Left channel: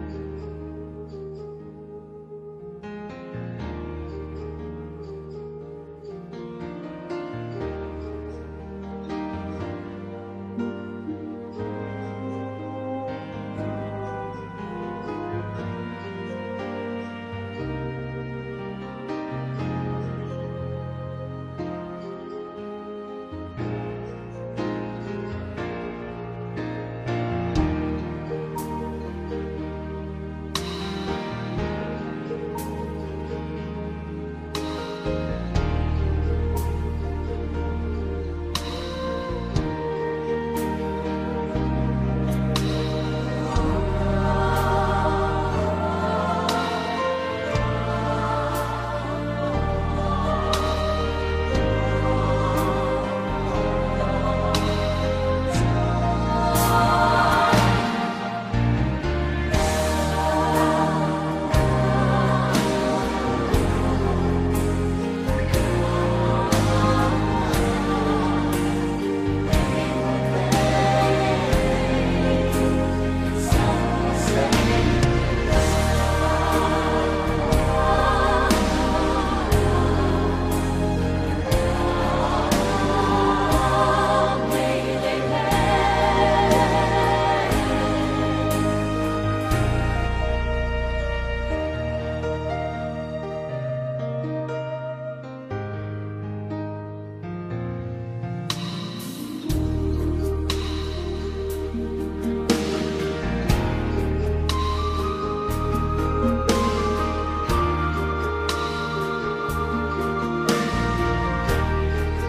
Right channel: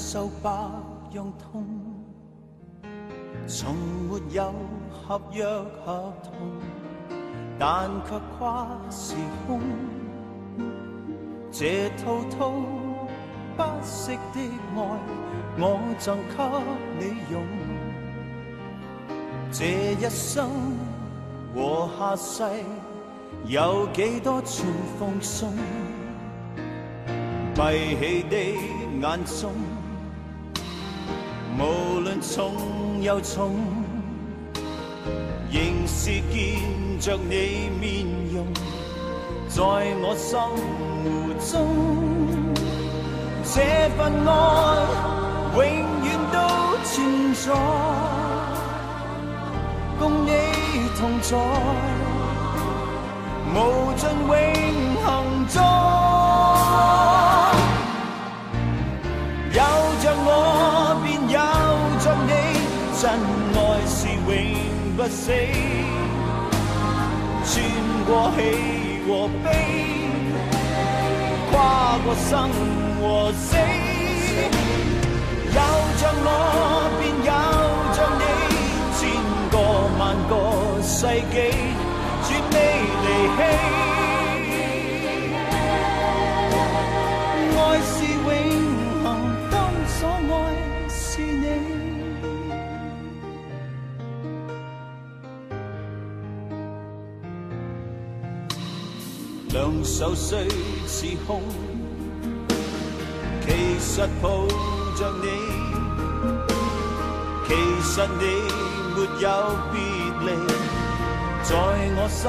受百樣痛，從沒有合約合同，但卻跨時空。這滔滔不息的愛，我贈給你用。這一生和下世，有幾多處放鬆？閉起的眼中，無論重又重，仍是見着你面容，在我心湖中。這份愛永遠都存在，共你同在，無盡永恆中。有着我便有着你，真愛是永不死，穿過喜和悲，跨過生和死。有着我便有着你，千個萬個世紀，絕未離棄。愛是永恆，當所愛是你。兩手雖似空，其實抱着你，其實你沒有別離，在我心